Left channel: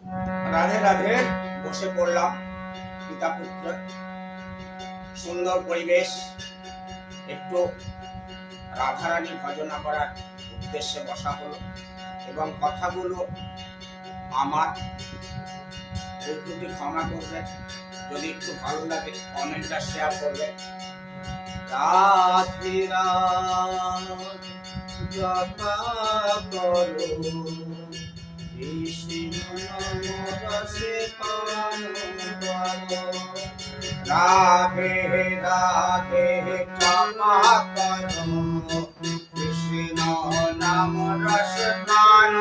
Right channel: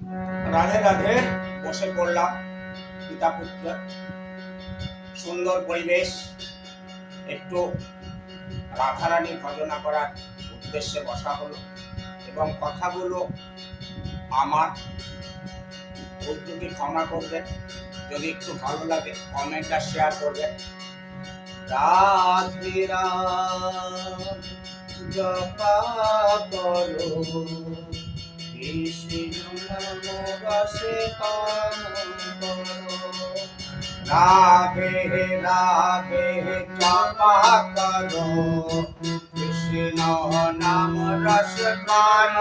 রাধে রাধে বসে পড়লাম, পিতা পুত্র। সুন্দর পরিবেশ, একটু রাধারানী ভজনা করার উদ্দেশ্যে বসা হলো এবং কথাগুলো আমার উদ্যোগী ক্ষমা করবেন, যদি একটু ভালো লাগে, কমেন্টটা শেয়ার করবেন। রাধে রাধ করো। রাধে রাধে জপা করো কৃষ্ণ নাম রস পান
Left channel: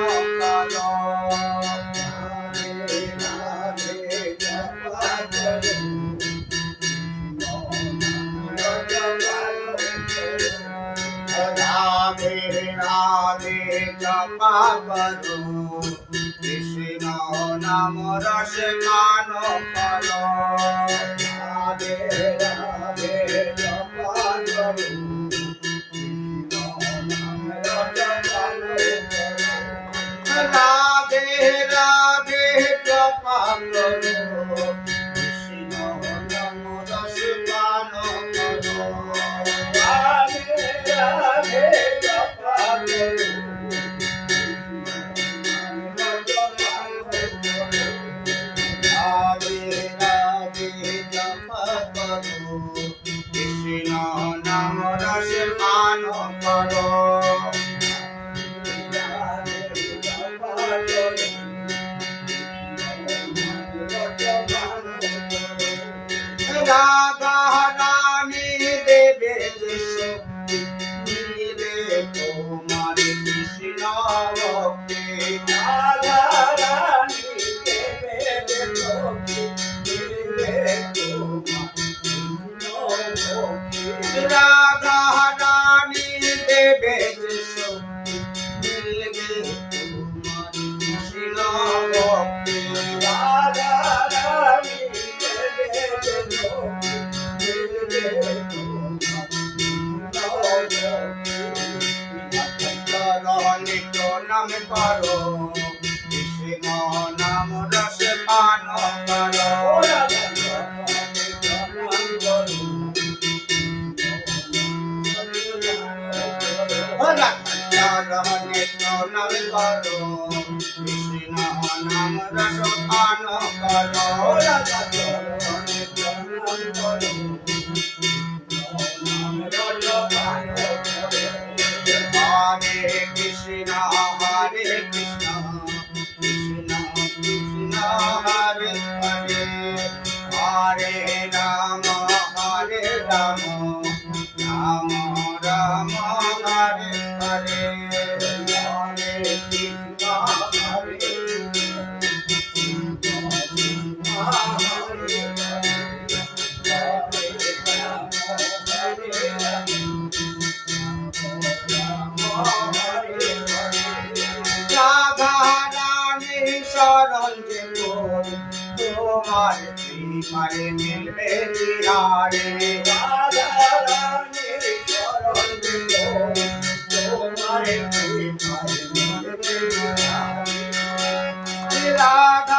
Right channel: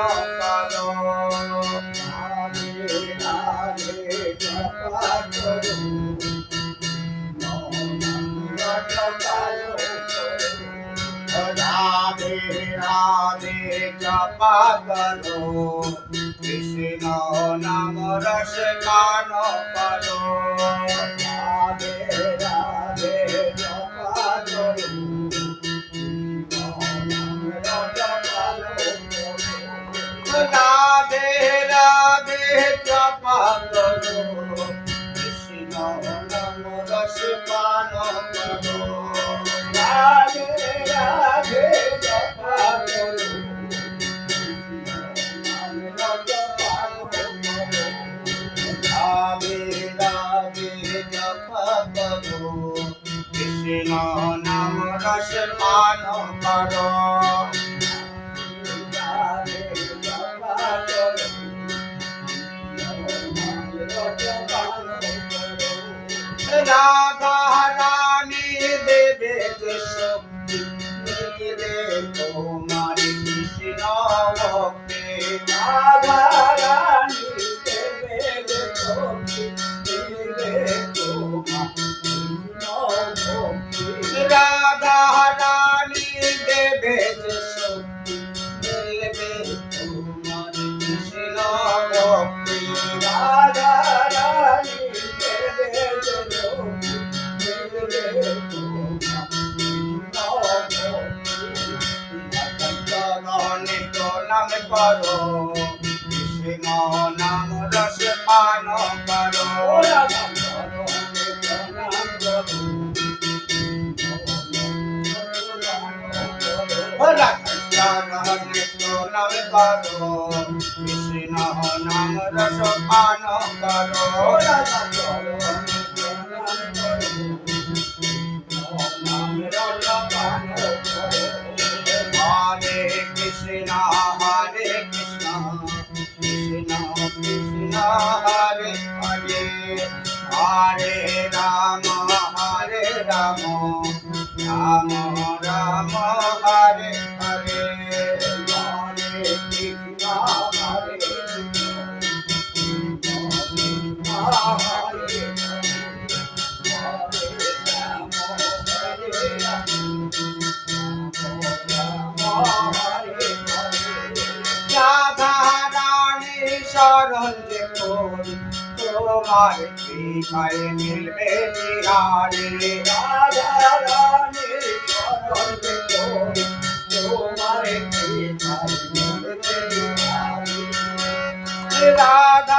রাধে জপা করো কৃষ্ণ নাম রস গান করো পান করো কৃষ্ণ নাম রস পান করো। কৃষ্ণ নাম রস পান করো। হরে রাম হরে রাম রাম রাম হরে হরে হরে কৃষ্ণ হরে শরণ যে তোমার কৃপায় মিলবে চিরারে রাধা রানীর চরণ তোমার কৃপায় মিলবে রাধা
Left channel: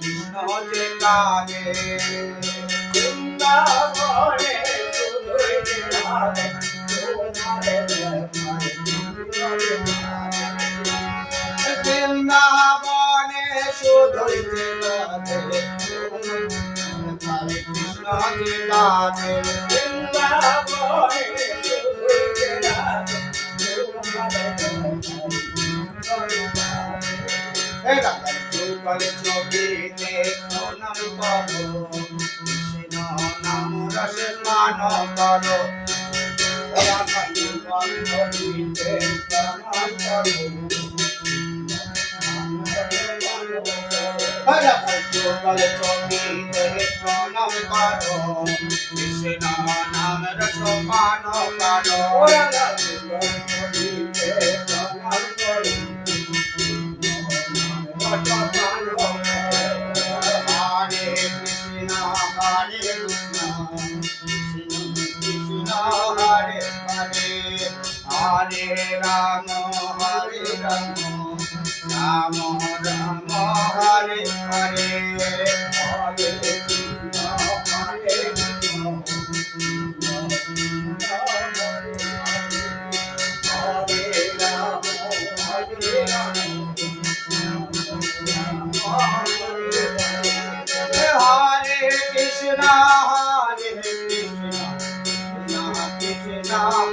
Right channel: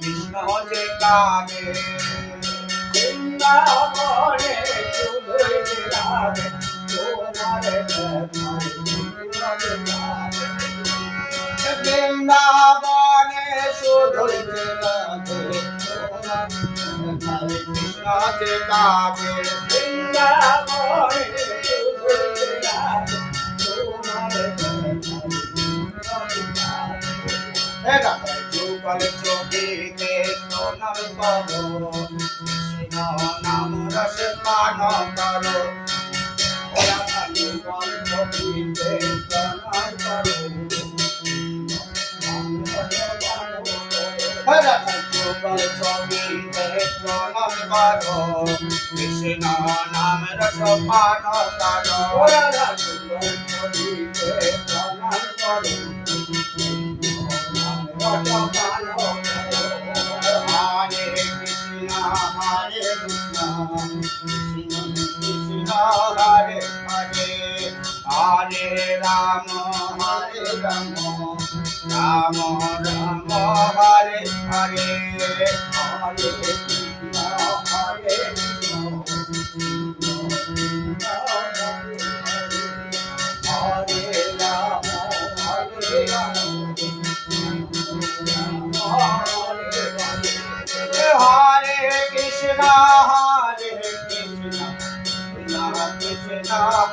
কৃষ্ণ যে কাগে বৃন্দাবনে বৃন্দাবনে শুধুই কৃষ্ণ রাধে বৃন্দাবনে যুগল ছবিতে প্রণাম করো। কৃষ্ণ নাম রস পান করো। প্রণাম করো। কৃষ্ণ নাম রস পান করো যুগল ছবিতে প্রণাম করো Hare Krishna, Hare Krishna, Krishna Krishna, Hare Hare, Hare Rama, Hare Rama,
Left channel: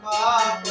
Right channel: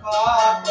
pa